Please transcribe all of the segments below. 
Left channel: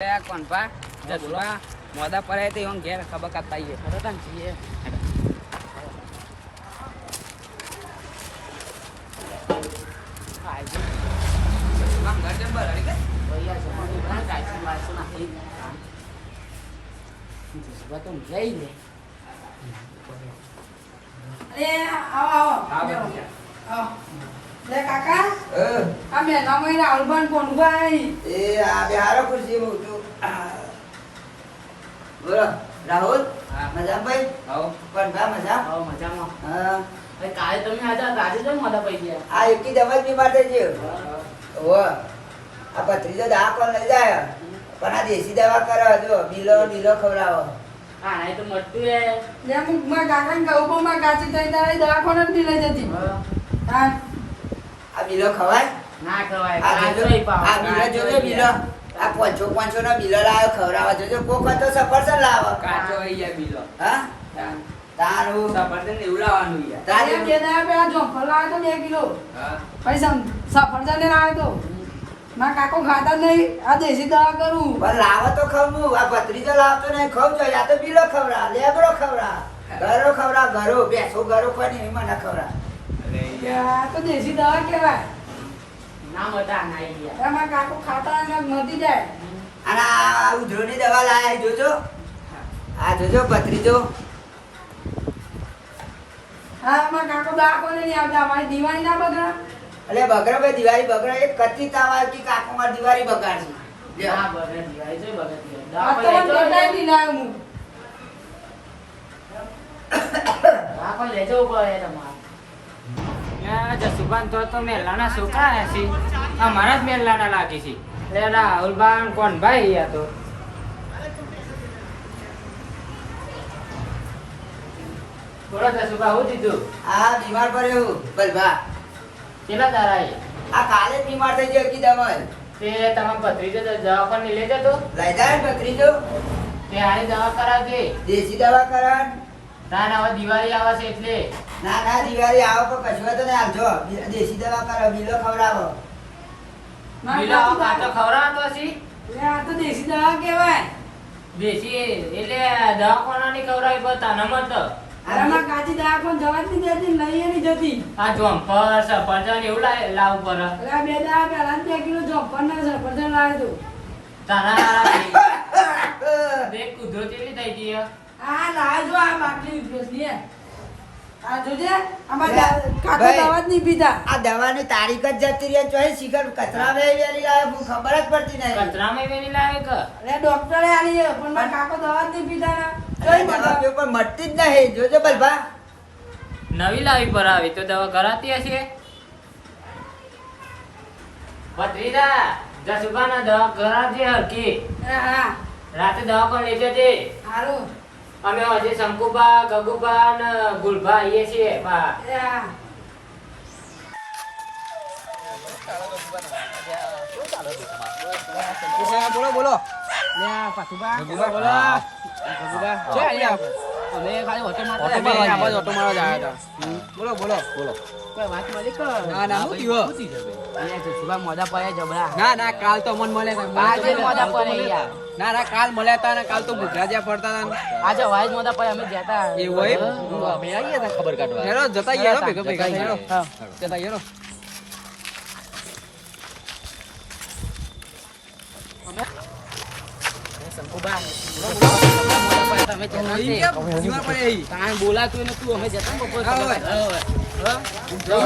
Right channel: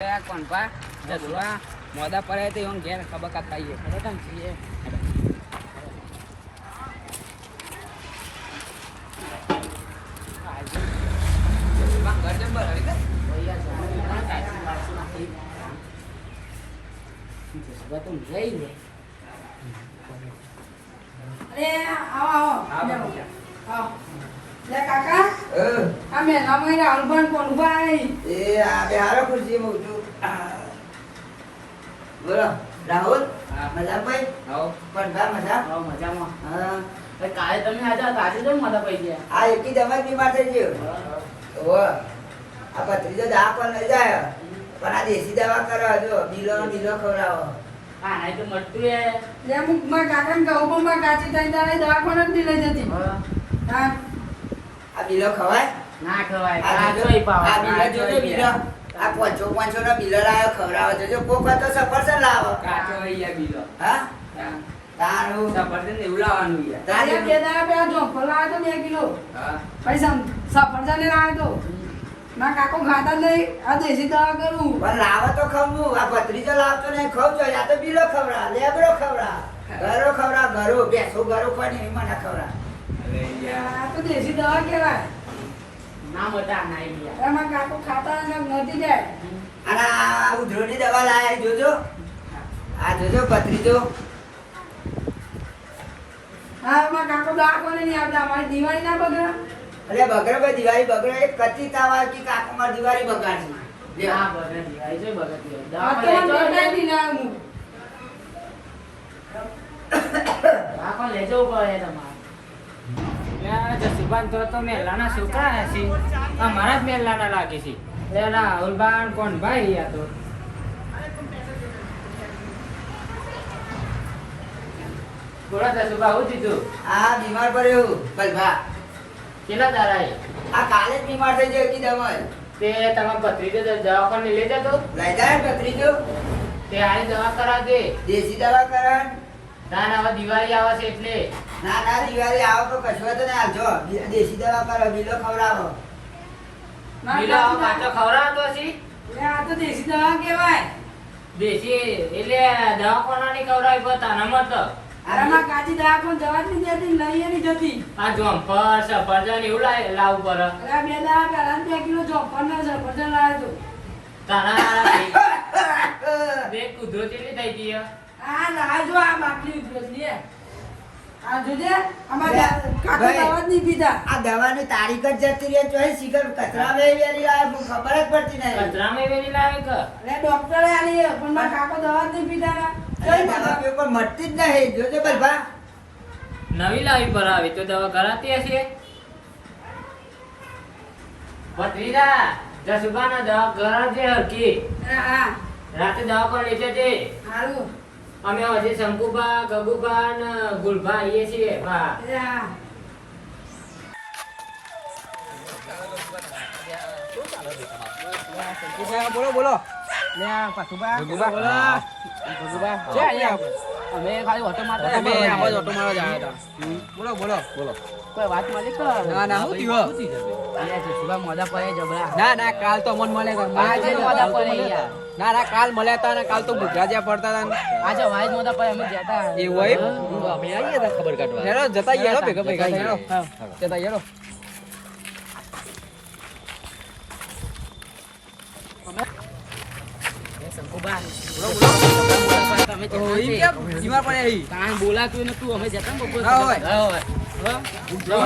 કોણ પા જસુબા મોદા પડે તો એમ ઘેર ખબર કાપતા આવીએ ખબર કામ છીએ ઘર જંબર હરી કે જસુબા તો જઈ લે આવો લે કાકા આ મેના મહિના અલબન કોણ ભાઈ આ બેહારો ખુરશી મૂકજો બોલો રાહુલ મજા ભાઈ આવો કોણ ભા મજા આવો મજામાં હા કાલે તમે આજા આજે જ મોદા પડી ગયા આ એકી દવા બીમાર થઈ ગયો ઓ આ પથરીજો દા કોણ લઈ જાય પણ આ દેશી દવા કરો જો બીલો ખવડાવો હા નહીં તો મટતું એ લે મુકમાં કાકાને કહું માં કાચી થઈ તારે દવાખાને જ લઈ જતી હા આ બીલો ખવાય ના ખવાય આ બીલો જોજો બીલો આ 500 નો બીલો લાવ્યો ખવડાવો જોજો કોક તો સફરજન લાવો કાચો અહીંયા બીલો હા તારું સફરજન એવું લાવવાનું યાર તારે તારી બે દા બે જોફર લાવ્યો તો 2 કિલો હા પૈસા સફરજન લાવ્યો તો માં કાકો ખાતા નહીં આ દેશી દવા કરું પણ લાવો તો ખવું આ ભત્રીજો લાવતો નહીં ખવ છો યા તો બીલો ખવડા લેબરો ખવડા ઘરો ખવડા ઘરો બેસો ઘરો કોની એમાં ના ખવડા અરે યાર આ તો દેશી દવા કહેવાય ના મટા ના યાર એમાં કાકો ખાતા અને મટી જાય અને આ ઉધરોની દવા લાયા જોજો આ જોજો ભત્રીજો હા એમાં કાકો દવાખાને નહીં આવતા અમારી દિવાળી ના બગડા અલે બગડો ભાઈ દિવાળી બગડો એક કચ્ચી તાવા કી કાકો માર દિવાળી બગાડશે લ્યો હા બગડી આવી છે બગડી આ તો મને બગડાઈ લાવ્યો હું આ પણ લેજો પડે તમારે યાર જસુબાન તો મેલાના છોકરા છે આ મારા જ મેલાના લાગે છે એટલે રાહુલબાન કોણ ભાઈ યા તો બોલો જસુબા હું દીધું આ બીમાર પડ્યો ભલભા કેટલા તારા આ કાલે જ બીમાર થઈ ગયો કી દવા તે તમે ભત્રીજો દવાખાને લઈ જતો લઈ જાય ભત્રીજો તે આને દવા કરાવજે દેશી દવા કરાવ ના ના હવે દિવાળી આવે છે એટલે ના ના દિવાળી આવો તો કશું તો નહીં આવજો દેશી દવા કરો બીલો ખવડાવો બીલો પાછો ખવડાવતો છી લે આ તો દેશી દવા કહેવાય દેશી એટલે દવાખાનાની ખવડાવી પણ તને મત આરામાં કાચી દવાખાને જવા જ નહીં દેતી લઈ નહીં જતી આ જોમ્પર સફરજન એવું લાવવું પડે એટલે આ બે દવા પહેલા 2 કિલો જોફર ને સફરજન લાવ્યો તો તારા બે કૂદરો કેટલી થઈ ગઈ આ લાવજો આ બાટલી ઉભેસની આ જોજે આમાં કાકો ભાઈ. દવા જ નહીં પીતા આ દવાની તારીખ જ જતી રહી ચોઈ શિખર કચરા વેરી આવે ખબર જ પડતી નહીં કચરામાં વેરી લાવે કે એટલે ડોક્ટરે આલી છે, પણ મારા કાકો દવા જ નહીં પીતા ચોઈ દવા પીવો પણ મટતી જ નહીં જોજો ભલભા નવી લાવી પર આવી તો દવા કરાતી હશે ભત્રીજા જસુબાના દવા કરાવજે હરકી હા રાતે દવા પણ લઈ જજે હારું અમે હજી શંકુબા ગગુબા ને ગુલબા આવીએ છીએ હા હા બોલો બોલો લે પાછુબા ગગુબા બોલો ગગુબા છે અહીંયા અમે ખાલી ઓટો મારતા હતા ઓટો મારવા જ આવ્યા હતા બોલો બોલો બોલો કોઈ વાત મળી કે ના ના હું થયો અહીંયા છે સુબા મોદા પડે જબડા ના ના કાલ તો મન મળે આજે મોદા પડે યાર ના ના કાલ મળ્યા હતા ને કાલ તો ગુજરાતિયા પડતા હતા ને આજે વાઈજ મોદા પડે અમે જતા એવું હોય અમે આવીએ તા ખબર કાઢવા હેરો જતા હેરો ભેગા ભેગા હેરો જતા હેરો શંકુબા મોદા પડે તમે જતા ઈ કેમ બીમાર પડે ઈ તાણ બોલાતું ને તું અમે જતા ને બપોર હા હોય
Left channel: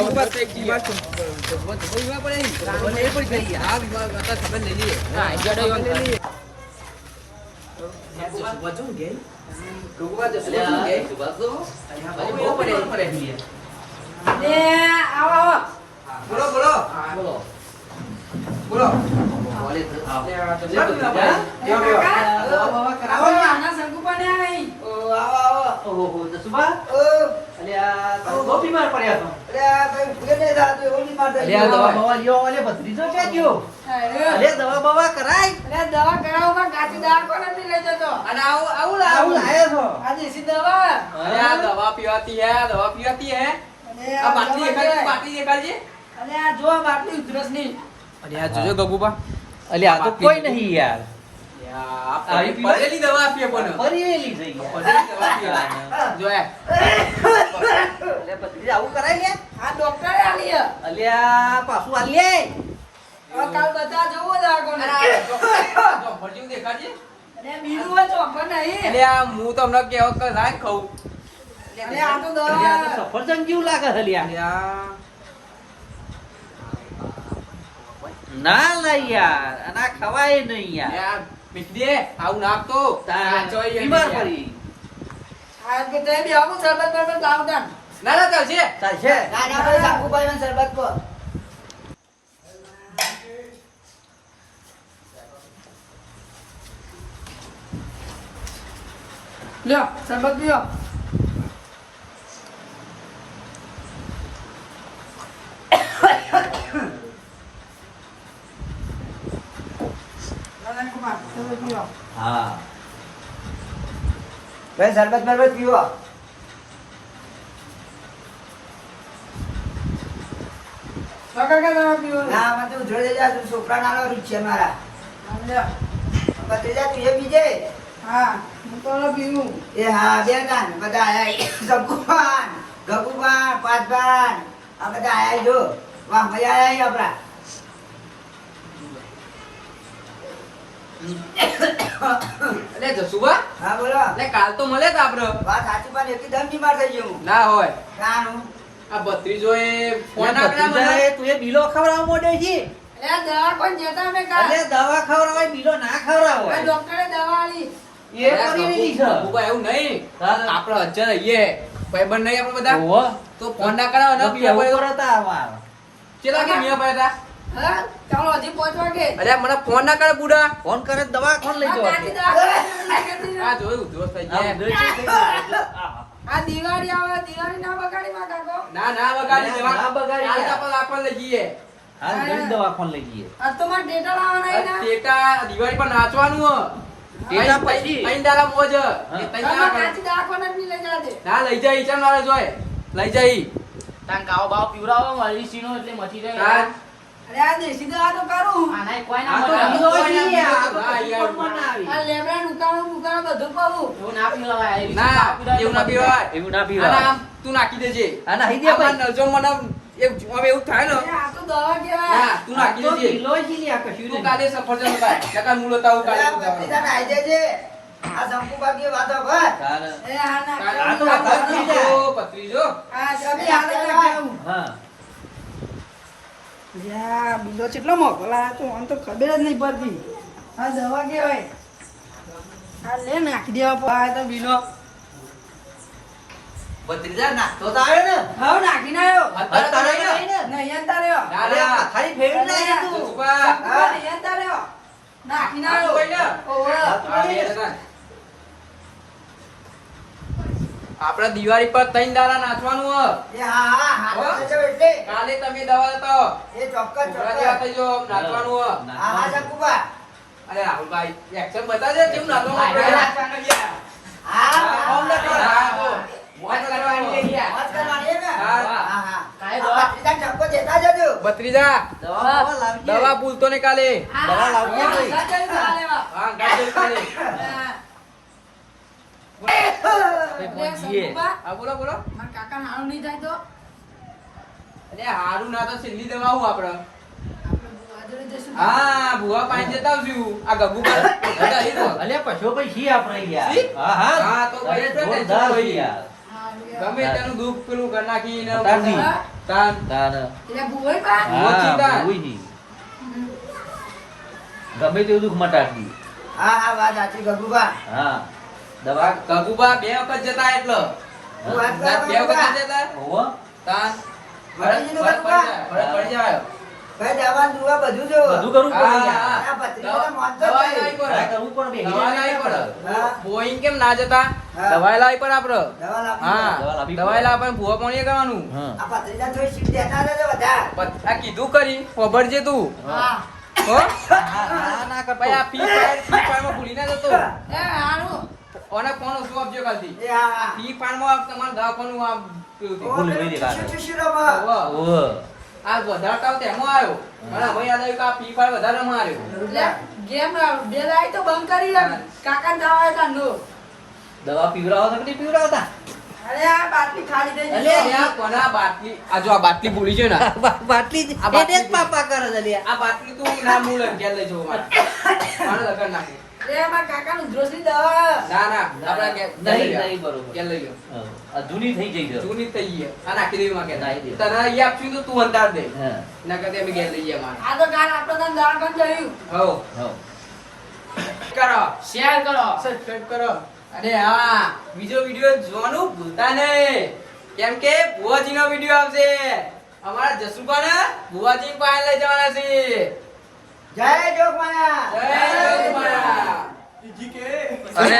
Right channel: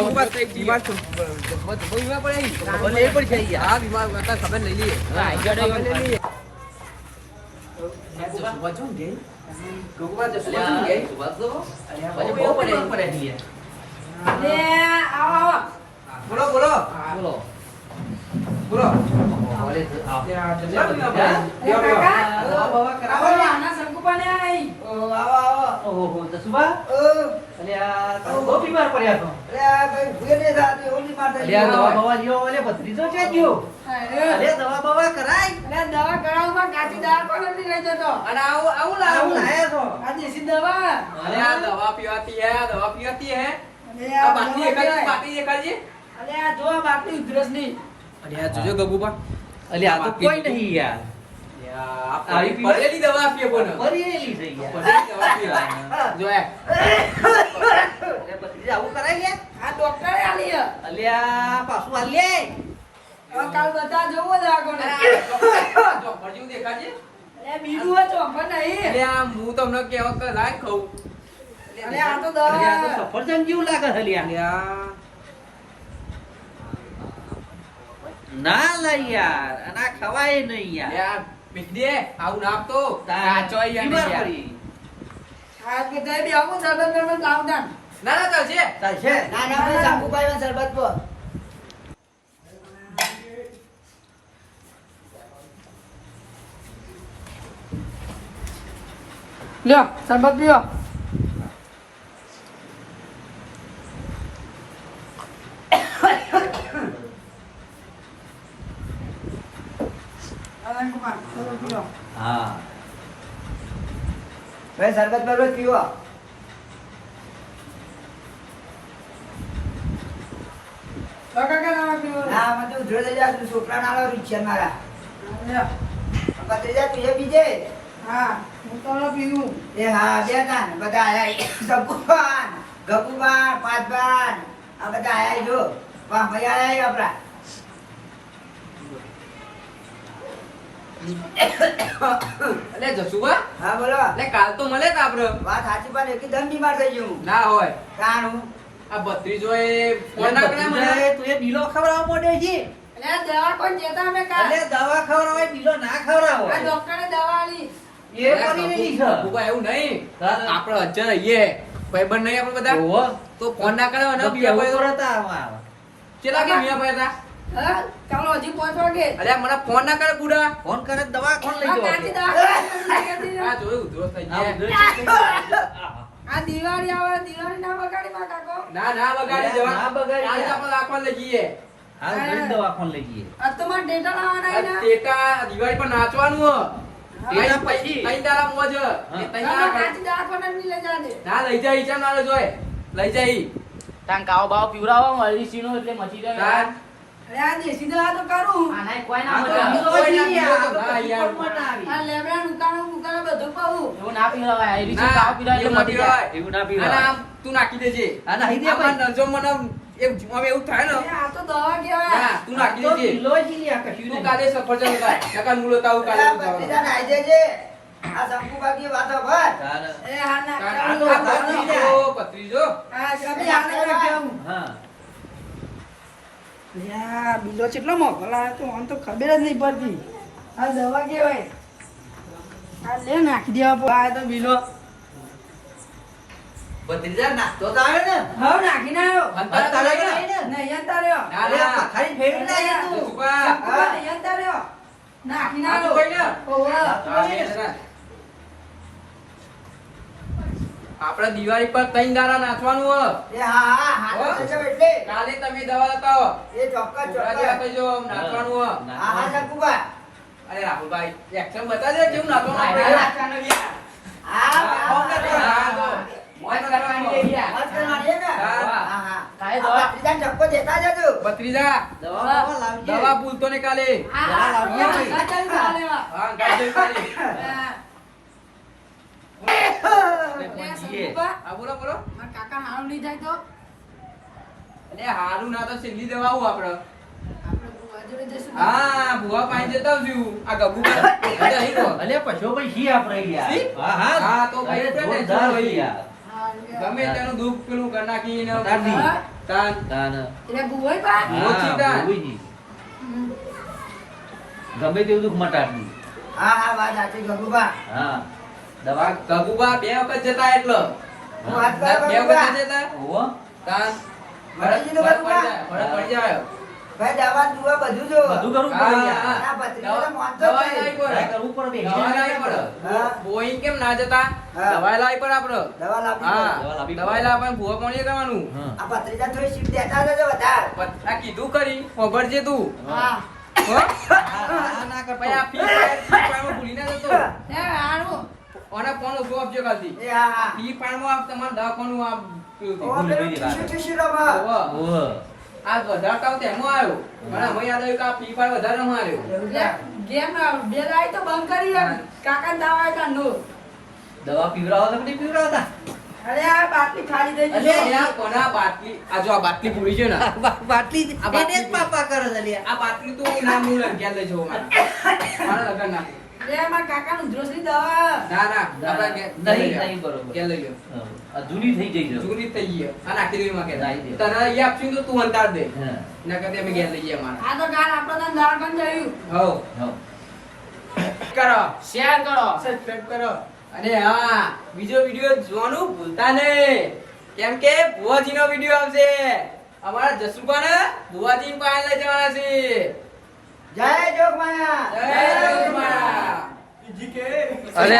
બીમાર થઈ બીમાર છું બીમાર પડે ઈ મને એ પડી ગઈ હા બીમાર હતા ખબર લઈ લઈએ હા લઈ લઈએ લે આવો આવો બોલો બોલો બોલો આવો આના શંકુપાને આવી આવો આવો ઓહો દસુબા અલ્યા બહુ બીમાર પડ્યા તો ભાઈ ભૂલે નહીં જાતું એવું બીમાર થઈ અલ્યા દવા ગયો બવા લ્યો અને ભત્રીજો છે ગયો અરે દવા બવા કરાય અરે દવા કરાવવામાં કાચી દવા કોને નહીં લઈ જતો અને આવું લાયા છો આ દેશી દવા અરે આ દવા પીવાતી હે અરે આ બાટલી દવા કહેવાય. બાટલી દેખાડી અરે આ જો આ બાટલી ઉધરસ ની અરે આ જોજો ગગુબા અલે આ તો કોઈ નહીં યાર આવી પડેલી દવા આપીએ કોને પરેલી થઈ ગયા. પડેલી દવા આપીએ જો એ એટલે પછી આવું કરાય ને? આ ડોક્ટરે આલી હે. અલ્યા પાછું આલીએ. હવે કાલ બધા જોવો જ આગળ. જો ફરજીવ દેખાડજે અરે બીજું હોય ચોખા નહીં. એટલે આ હું તમને કેવો કે લાઈન ખાઉં અરે આ તો અલ્યા, આ તો દવા સફરજન જેવું લાગે છે અલ્યા. અલ્યા ના લઈ યાર, આના ખવાય નહીં યાર. અલ્યા મિઠી આવું નાખતો નાચો બીમાર પડી. આ કે તે બી આવું સરબત બરબત લાવતા. ના ના ચાલશે ચાલશે. ના ના ભાઈ શંકુભાઈ માં શરબત પો લ્યો સરબત પીઓ. નારાયણકુમાર, સરબત પીઓ. હા. ભાઈ શરબત બરબત પીવો કાકા કે દવા પીઓ. ના અમે તો ઉધરો થઈ જા તું છોકરા નાનો રીત છે મારા લ્યો. ભત્રીજા તું એ બીજે હા હું તો પીવું. એ હા બે તાન બધા આયા શંકુભાન ગગુભાન પાદભાન આ બધા આયા જો વાહ મજા આયા આપડા એટલે જસુબા હા બોલો એટલે કાલ તો મળે તા આપડે વાત સાચી પણ એકદમ બીમાર થઈ ગયું ના હોય કાનું આ ભત્રીજો એ ફોન ભત્રીજાએ ના મને તું એ બીલો ખવડાવવા માંડ્યો છે. અરે દવા કોઈ જતા અમે કાલ. અલ્યા, દવા ખવડાવાય, બીલો ના ખવડાવો. આ ડોક્ટરે દવા આલી. એ પરેલી છે. ગગુબા એવું નહીં હા. આપડે હજાર રહીએ ભાઈબંધ નહીં આપડે બધા ઓહો. તો ફોન ના કરાવો ને પીવા પડે તો કેવું પડે તાર? ચેલા કે પીવા પડે તા હા ચાલો હજી 5 વાગે. અરે મને ફોન ના કરે બુડા ફોન કરે દવા કોણ લઈ આ જવા કાચી છે? દવા ખાઈ હતી ને. આ જોયું દોસ્ત થઈ આ ગયા આ દિવાળી આવે દિવાળી ના બગાડી માં કાકો. ના ના બગાડી દેવા ના બગાડી કાલે યાર. આપણે રાખવા લઈ જઈએ હાલ ઘણી દવા કોણ લઈ જઈએ? આ તો માં ડેટા લાવવાના આ એના. ટેટા દિવાળી પર નાચવાનું હો ટેટા પછી? ત્રણ દાડા મોજ એ ત્રણ આમાં દાડા કાચી દવા કોને નહીં લઈ જવા દે. ના લઈ જાય ચાલ મારે જોય લઈ જાય ત્યાં ગાવ બાવ પીવડાવો મળી સીનો એટલે મચી જાય હા. અરે આ દેશી દવા તો કરું. આનાય કોઈ આ ના તો મળે. બીલો કોઈ છે ના યાર. બીલો તો ના યાર. કોણ આવી? આ લેબડા નુકાણો બધું પાવું. એવું ના પીવડાવાય. એવી રીતે ના પીવડાય એવું ના તો પીવાય એવું ના આના પીવાય. આમ તું નાખી દેજે આ નાખી દે ભાઈ. આપણે નલજો મને એવું હવે એવું થાય ને અરે આ તો દવા કહેવાય. ના તું નાખી તો દેજે બીલો છે લ્યા, કશું તું નહીં. કાલે સફરજન લગાય નકર મૂળો તાવ કાલે તું ભત્રીજા જવાનું નાઈ દેજે આ શંકુભાઈ વાતો ભર ચાલ. અરે આ ના આ તો કરું. પત્રીજો આ ચાબી આને નાખ્યું. હા. યા બિલો કેટલો મોઘો લાયો તો આમ તો ખબર જ નહીં પડતી. આ દવા કેવાય. આ લે નાખી દેવા પર આ તો બિલો. ભત્રીજા નાખતો તો આવે ને? હવે નાખી ના આવ્યો. અંતર તારે ને નહીં અંતર રહ્યો. ના અરે, ના ખાલી ફેરવી નાખી તું. જસુબા શંકુભાઈ નહીં અંતર રહ્યો. નાખી ના આવ્યો. ઓહો. આપડે દિવાળી પર ત્રણ દાડા નાચવાનું હો એ હા હા હા તો એટલે કાલે તમે દવા લેતા એ ચોક્કસ છોકરા ચોક્કસ જો નાચવાનું હો હા હા શંકુભાઈ અરે રાહુલભાઈ એક્શન બતાવજે કેવું હા, નાચવાનું હા ફોન ના કરો. મોજ કરવાની છે યાર. મત કરવાની હે ને હા. હા હા કાંઈ આ દવા- ભત્રીજાને ઠપકો દેતા જજો ભત્રીજા દવા લાવજે. દવા ભૂલતો ને કાલે આ દવા લાવજો. આ ચાલી દવા લેવા. હા ગાડી કાલે હા. લે શંકુભા, હા બોલો બોલો મારા કાકા હારું નહીં થાય તો અરે હારું ના તો છેલ્લી દવા હું આપડે આપણે બુવા જોડે જઈશું. હા ભુવા પાઈ જતા આવશું આ ગગુ બધા અહીં તો. અલ્યા, પછો ભાઈ છીએ આપણે યાર. સી? હા, હા. હા, તો ભાઈ અરે, આપણે જોરદાર ભાઈ. છે યાર. હા, લે. ગમે તેનું દૂધ પેલું કરી નાખીને તાની. હા. તાન તાન. એટલે બુવાઈ બા. મોચી તાન. હા, ભૂઈ. હમ. ગમે તેવું દુઃખ મટાડી. હા હા વાત સાચી ગગુભા હા. દવા ગગુબા બે વખત જતા એટલે હું વાત ના, કરું બે ગગુભા વખત જતા હોવો. તાન ભરાજી નું ફરક ગગુભા પડી જાય ભાઈ દવા દુવા બધું જો બધું કરવું પડે યાર. આ ભત્રીજા તો માનતો જ દવા નહીં. લાવી હા, પડે કરવું પડે. દવા લાવી પડે હા. બોઈંગ કેમ ના જતા હા. દવા લાવી પડે આપડે દવા લાવી હા પડે. દવા લાવી દવા પડે. લાવી પડે ભૂવા પાણી કરવાનું હા. આ ભત્રીજા થોડી સીટ દેતા જજો વધારે આ કીધું કરી ખબરજે તું હા. હો? ના, ના કર. ભાઈ આ ફી પાણીમાં ભૂલી ના જતો એ હારું. અને ફોન ઓછો આપજો કાલથી એ હા હા ફી પાણીમાં તમારે દવાખાનું આ પેલું ઓ ભૂલી પેલું ગઈ ટીસ્યુ વાત. ટીસ્યુ રમો. હોવે. ઓહો. આ વધારે કામ તેમાં આવ્યો મને હવે યાદ આવ્યું કે આ ફ્રી ફાયર વધારે માર્યો ગેમ બે લાઈ તો બંધ કરી યાર કાકા દાવા હતા નો દવા પીવડાવો તો નહીં પીવડાવતા અરે આ બાટલી ખાલી થઈ અલે ગઈ આ કોના બાટલી આ જો આ બાટલી પૂરી છે ને બાટલી આ બાટલી એને જ પાપા કરે છે લે. આ બાટલી તું ના મૂળ ઘેર લઈ જવો મારા લગન નાખી એ મારા કાકાનું જોશી દવા ના ના આપડા નહીં બરોબર. ઘેર લઈ ગયો હા. આ જૂની થઈ ગઈ છે. જૂની થઈ ગઈ આ નાખી દેવી માં કે નાખી દે. તને અહીંયા આપશું તો તું અંતાર દે હા. ના કરતે અમે ઘેર લઈ ગયા મારા આ તો ગાન આપણો તો દાળ બન જયું હો હા. કરો શેર કરો સબસ્ક્રાઇબ કરો અને હા બીજો વિડિયો જોવાનું ભૂલતા નહીં કેમ કે ભુવાજીનો વિડિયો આવશે અમારા જસુભાને ભુવાજી પાસે લઈ જવાના છે જય જોગમાયા જય જસુભા. બીજી કે અરે